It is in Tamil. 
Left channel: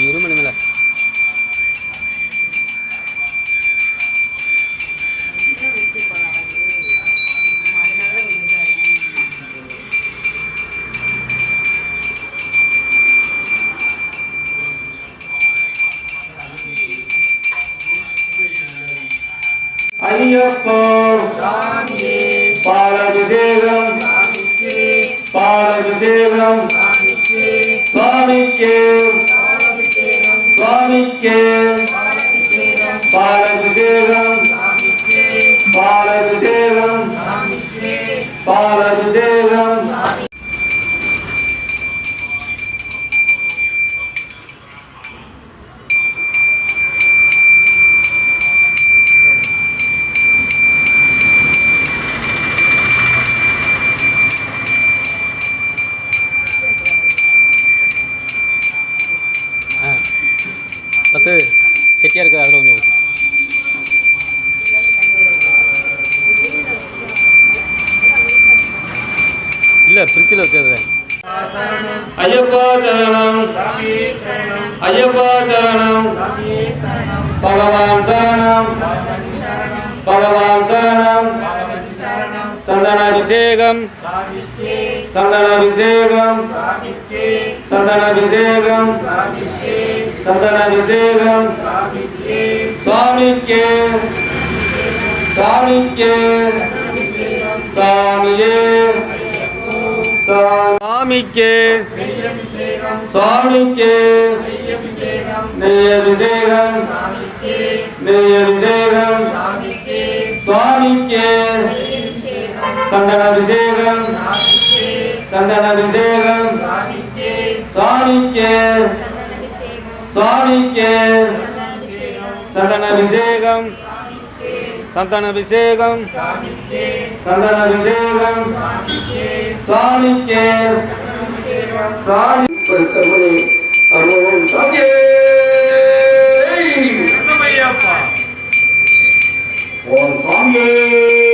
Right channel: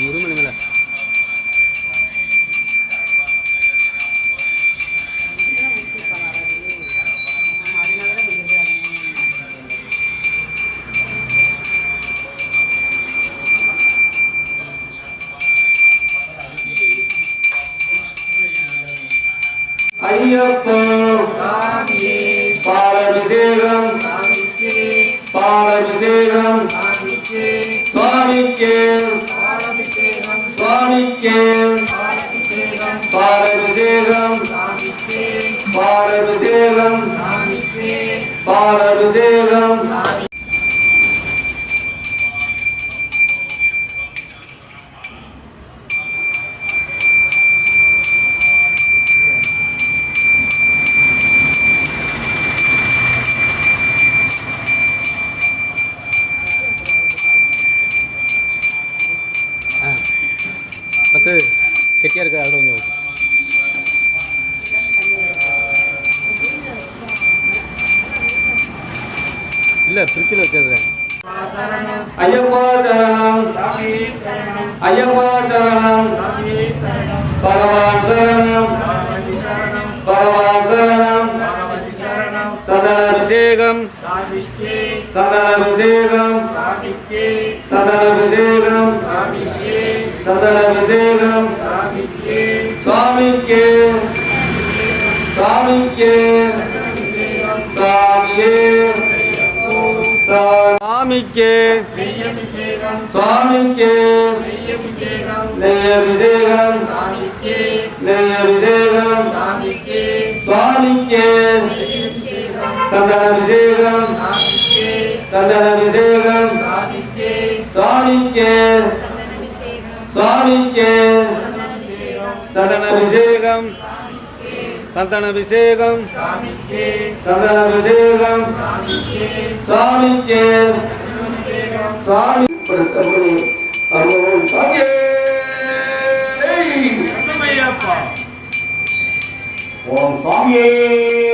இருமணி மேல ஐயப்போ பாலாபிஷேகம் பாலாபிஷேகம் சுவாமிக்கு சுவாமிக்கு பாலாபிஷேகம் பாலாபிஷேகம் பாலாபிஷேகம் பத்து கெட்டியாக இருக்குது அதில் கொஞ்சம் ஊற்று இல்லை ஃப்ரிட்ஜில் வச்சது ஐயப்பா சரணம் ஐயப்பா சரணம் பகவான் சரணம் பகவான் சரணம் சந்தனாபிஷேகம் சந்தனாபிஷேகம் சந்தனாபிஷேகம் சந்தனாபிஷேகம் சுவாமிக்கு சுவாமிக்கு சாமியே சுவாமிக்கு சுவாமிக்கு நெய்யபிஷேகம் நெய்யபிஷேகம் சுவாமிக்கு சந்தனாபிஷேகம் சந்தனாபிஷேகம் சுவாமிக்கு சுவாமிக்கு சந்தனாபிஷேகம் சந்தனாபிஷேகம் சந்தனாபிஷேகம் சுவாமிக்கு சுவாமி அமோம் சாமியே ஓம் சாமியே